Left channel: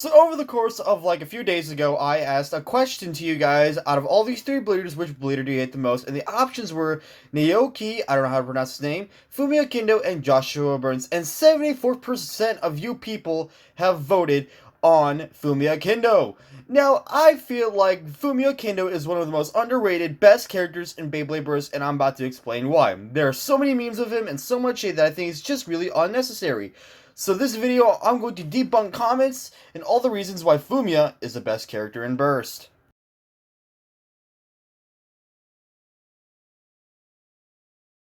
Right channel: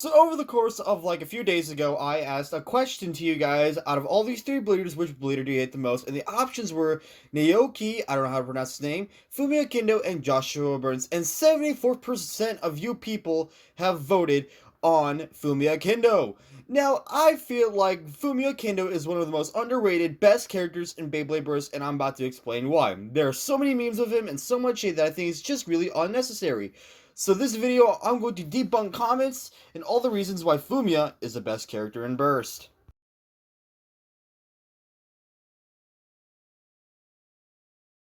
So over the course of like a few days ago, I asked a question to you guys. Out of all these three bleeders, which bleeder do you hate the most? And the options were Naoki, I don't know how to pronounce his name, Fumyia Kindo, and Joshua Burns. And 74% of you people have voted on Fumyia Kindo. Now, I feel like Fumyia Kindo is one of the most underrated, best characters in Beyblade Burst, and I'm about to explain why. There are so many memes of him and so much hate that I think it's just really unnecessary. So this video, I'm going to debunk comments and all the reasons why Fumiya is the best character in Burst.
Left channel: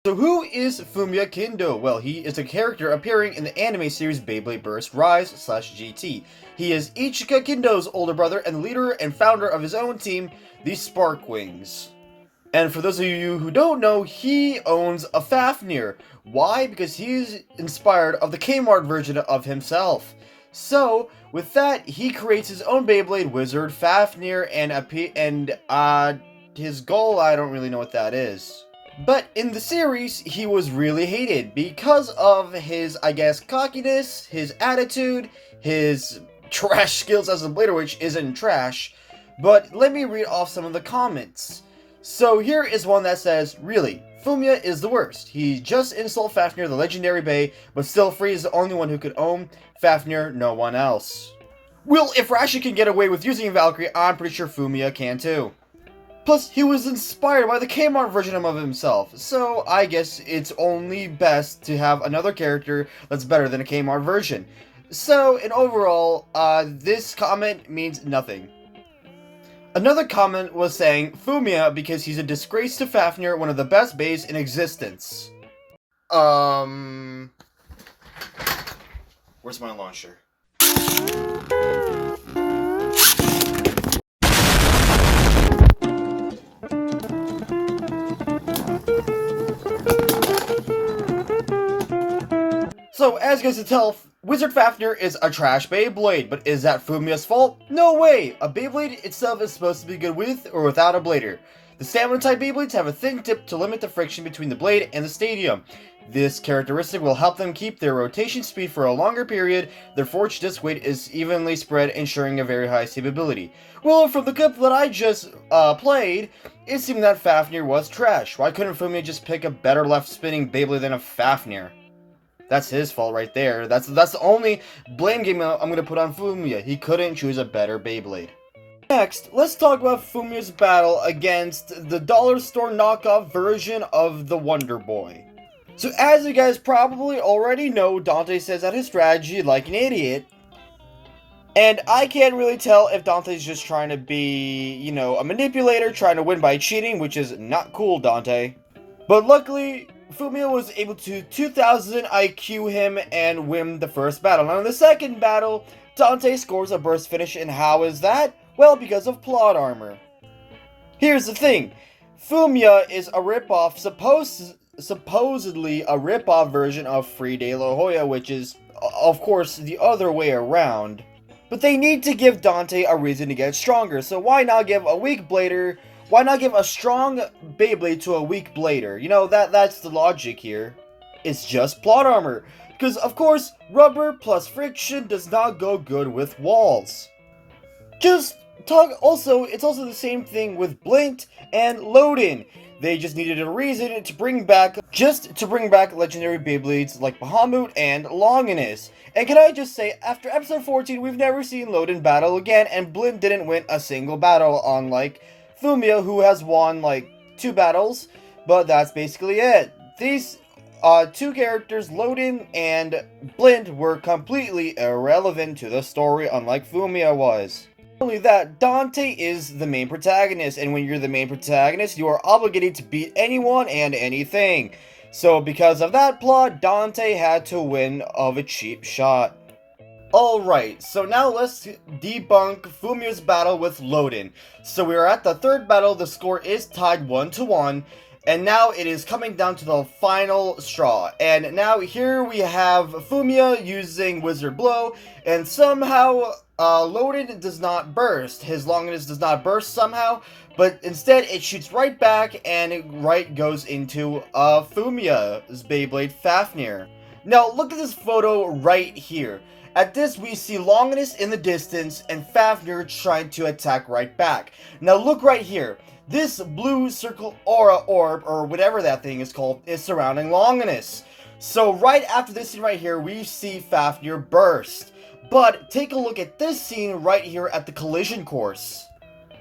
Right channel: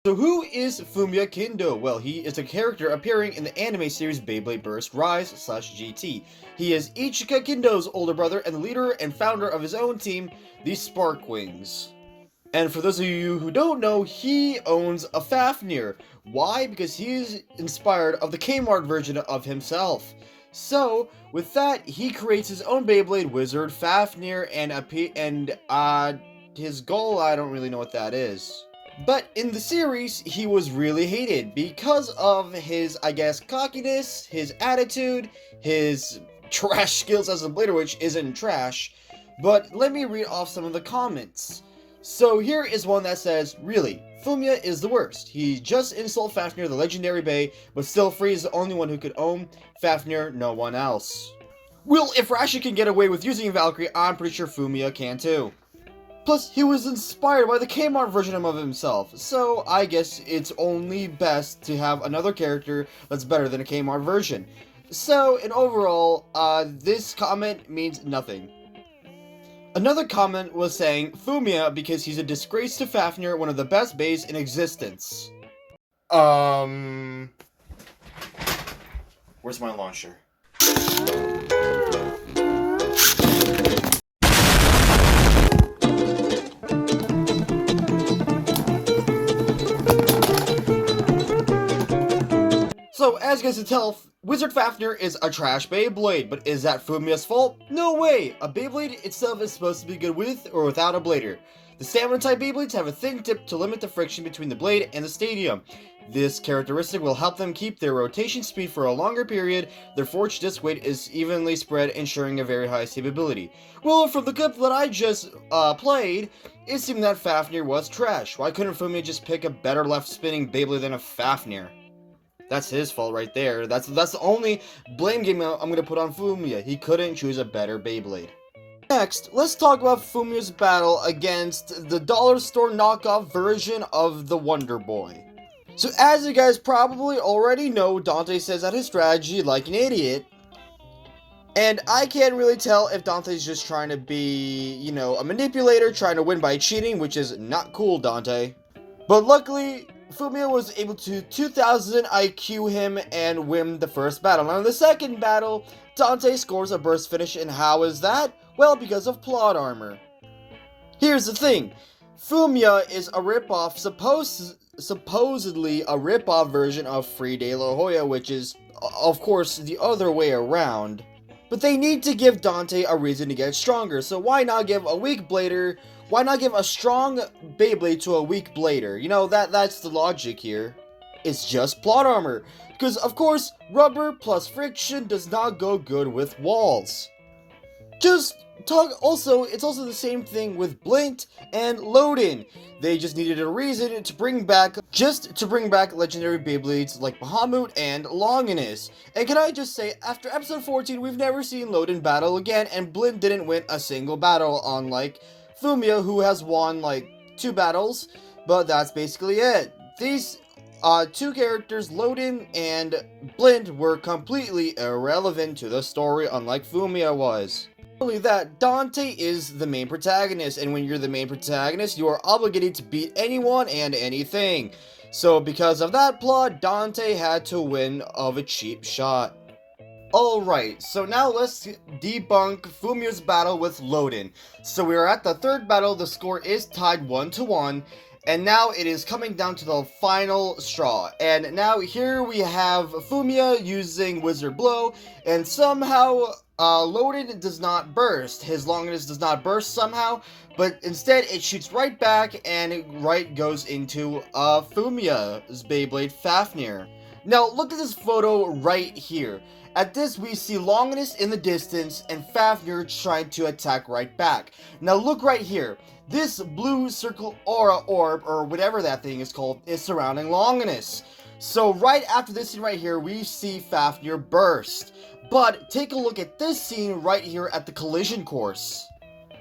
So who is Fumyia Kindo? Well, he is a character appearing in the anime series Beyblade Burst Rise /GT. He is Ichika Kindo's older brother and the leader and founder of his own team, the Sparkwings. And for those of you who don't know, he owns a Fafnir. Why? Because he's inspired of the Kmart version of himself. So, with that, he creates his own Beyblade wizard, Fafnir, and his goal, I don't really know what that is. But in the series, he was really hated because of his, I guess, cockiness, his attitude, his trash skills as a blader, which isn't trash. But let me read off some of the comments. So here is one that says, really, Fumiya is the worst. He just installed Fafnir, the legendary Bay, but still Free is the only one who could own Fafnir, no one else. Well, if Rashi can get away with using Valkyrie, I'm pretty sure Fumiya can too. Plus, he was inspired by the Kmart version of himself, so I guess it's only best to have another character that's better than a Kmart version. So, in overall, this comment means nothing. Another comment was saying Fumiya because he's a disgrace to Fafnir, one of the best bays in existence. Where's my launcher? So, as you guys can tell, Wizard Fafnir is a trash Beyblade, but is that Fumiya's fault? No way! A Beyblade itself is supposed to be good with or without a blader. The stamina type Beyblades have a thin tip to limit the friction between the blade and the stadium. This characteristic will help them keep their rotation speed for a longer period. Their forged disc weight is evenly spread, ensuring a very high stability. Well, from the clip that I just played, it seemed that Fafnir was trash. Why couldn't Fumiya just pick a better left spinning Beyblade than a Fafnir? That's his fault right there. That's the only blame game I'm going to put on Fumiya. He couldn't choose a better Beyblade. Next, let's talk about Fumiya's battle against the dollar store knockoff version of the Wonder Boy. So as you guys probably already know, Dante says that his strategy like an idiot. And I can't really tell if Dante's just trying to be, you know, a manipulator, trying to win by cheating, which is not cool, Dante. But luckily, Fumiya was able to 2000 IQ him and win the first battle. Now in the second battle, Dante scores a burst finish, and how is that? Well, because of plot armor. Here's the thing, Fumiya is a ripoff, supposedly a ripoff version of Free De La Hoya, which is, of course, the other way around. But they need to give Dante a reason to get stronger, so why not give a weak blader? Why not give a strong Beyblade to a weak blader? You know, that's the logic here. It's just plot armor. Because, of course, rubber plus friction does not go good with walls. It's also the same thing with Blint and Loden. They just needed a reason to bring back legendary Beyblades like Bahamut and Longinus. And can I just say, after episode 14, we've never seen Loden battle again, and Blint didn't win a single battle, unlike Fumiya, who has won like 2 battles, but that's basically it. These two characters, Loden and Blint, were completely irrelevant to the story, unlike Fumiya was. Not only that, Dante is the main protagonist, and when you're the main protagonist, you are obligated to beat anyone and anything. So because of that plot, Dante had to win of a cheap shot. Alright, so now let's debunk Fumiya's battle with Loden. So we are at the third battle, the score is tied 1-1, and now it is coming down to the final straw. And now here we have Fumiya using Wizard Blow, and somehow Loden does not burst. His Longinus does not burst somehow, but instead it shoots right back and it right goes into Fumiya's Beyblade Fafnir. Now look at this photo right here. At this, we see Longinus in the distance and Fafnir trying to attack right back. Now look right here. This blue circle aura orb, or whatever that thing is called, is surrounding Longinus. So right after this scene right here, we see Fafnir burst. But take a look at this scene right here at the collision course.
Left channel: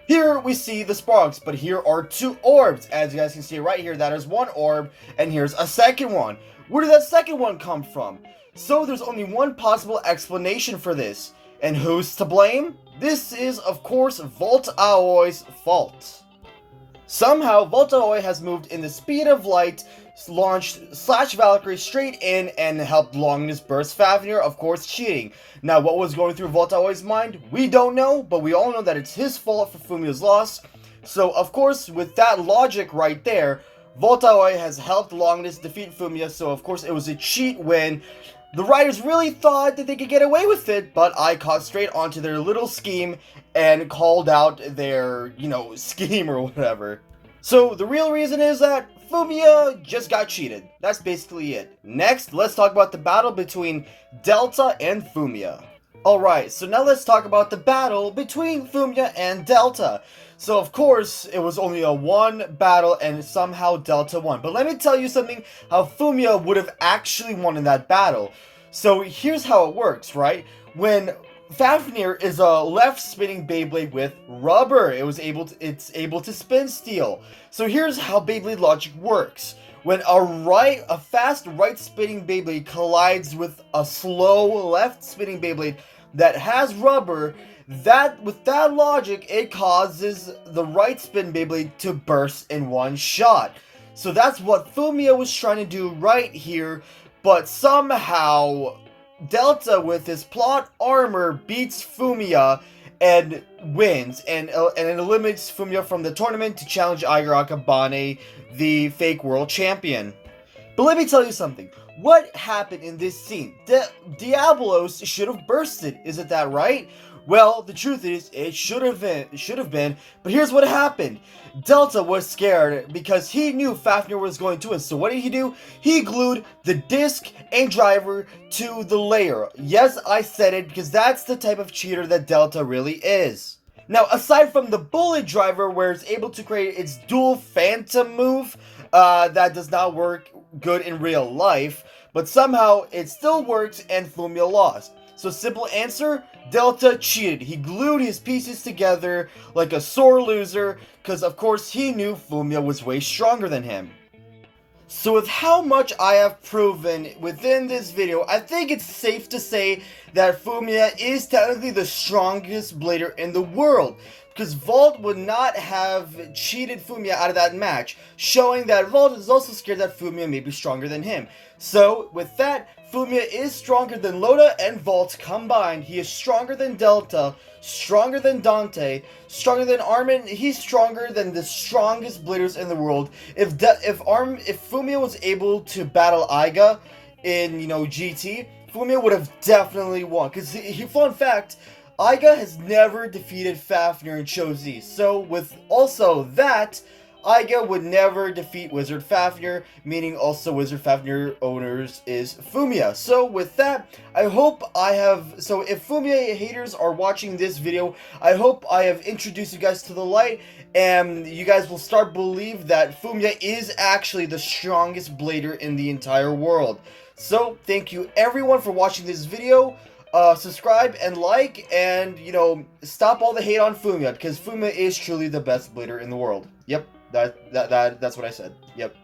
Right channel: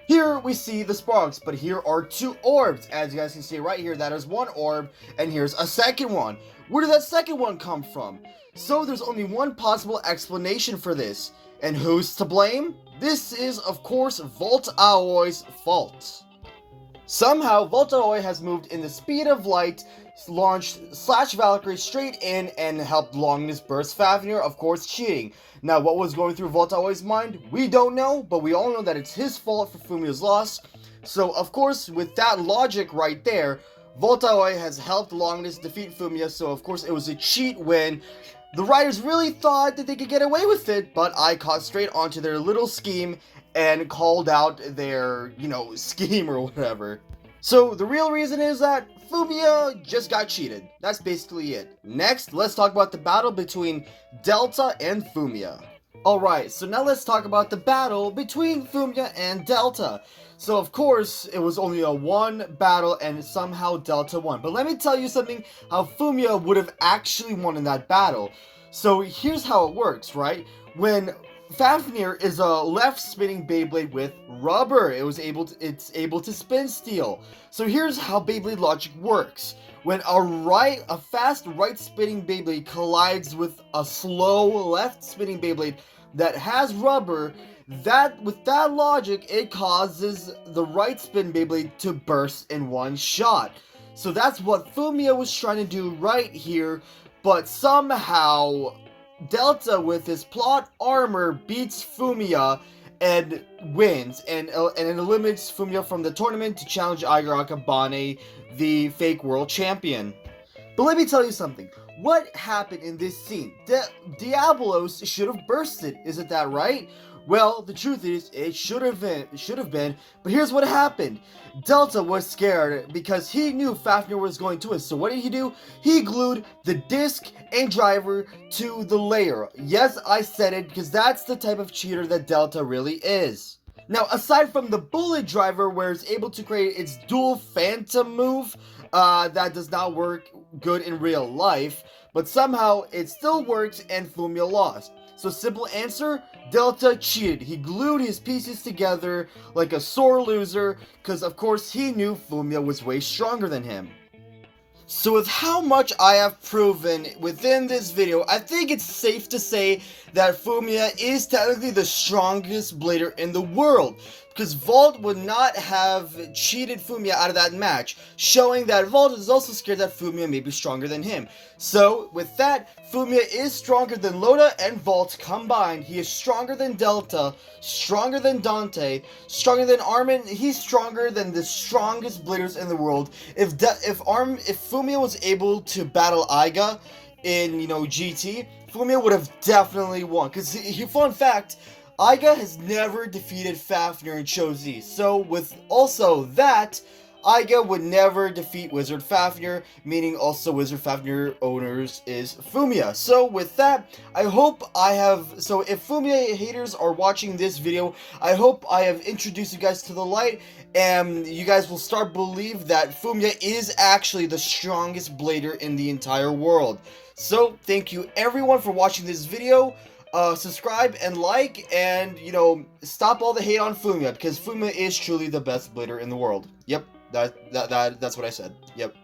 Here we see the sparks, but here are two orbs. As you guys can see right here, that is one orb, and here's a second one. Where did that second one come from? So there's only one possible explanation for this. And who's to blame? This is, of course, Valt Aoi's fault. Somehow, Valt Aoi has moved in the speed of light, launched Valkyrie straight in, and helped Longinus burst Fafnir, of course cheating. Now, what was going through Valt Aoi's mind? We don't know, but we all know that it's his fault for Fumiya's loss. So, of course, with that logic right there, Valt Aoi has helped Longinus defeat Fumiya, so of course it was a cheat when the writers really thought that they could get away with it, but I caught straight onto their little scheme and called out their, scheme or whatever. So the real reason is that Fumiya just got cheated. That's basically it. Next, let's talk about the battle between Delta and Fumiya. Alright, so now let's talk about the battle between Fumiya and Delta. So of course, it was only a one battle and somehow Delta won. But let me tell you something, how Fumiya would have actually won in that battle. So here's how it works, right? When Fafnir is a left spinning Beyblade with rubber. It's able to spin steel. So here's how Beyblade logic works. When a fast right spinning Beyblade collides with a slow left spinning Beyblade that has rubber, with that logic, it causes the right spin Beyblade to burst in one shot. So that's what Fumiya was trying to do right here, but somehow Delta, with his plot armor, beats Fumiya and wins, and it eliminates Fumiya from the tournament to challenge Ichika Akabane, the fake world champion. But let me tell you something. What happened in this scene? Diablos should have bursted, isn't that right? Well, the truth is, it should have been, but here's what happened. Delta was scared because he knew Fafnir was going to win, so what did he do? He glued the disc and driver to the layer. Yes, I said it, because that's the type of cheater that Delta really is. Now, aside from the bullet driver, where it's able to create its dual phantom move, that does not work good in real life, but somehow it still works and Fumiya lost. So simple answer, Delta cheated. He glued his pieces together like a sore loser, because of course he knew Fumiya was way stronger than him. So with how much I have proven within this video, I think it's safe to say that Fumiya is technically the strongest blader in the world, because Valt would not have cheated Fumiya out of that match, showing that Valt is also scared that Fumiya may be stronger than him. So with that, Fumiya is stronger than Loda and Valt combined. He is stronger than Delta, stronger than Dante, stronger than Armin. He's stronger than the strongest bladers in the world. If Fumiya was able to battle Iga in, GT, Fumiya would have definitely won. Because, fun fact, Iga has never defeated Fafnir in Cho Z. So with also that, Iga would never defeat Wizard Fafnir, meaning also Wizard Fafnir owners is Fumiya. So with that, if Fumiya haters are watching this video, I hope I have introduced you guys to the light, and you guys will start believe that Fumiya is actually the strongest blader in the entire world. So thank you everyone for watching this video. Subscribe and like, and stop all the hate on Fumiya, because Fumiya is truly the best blader in the world. Yep, that's what I said. Yep.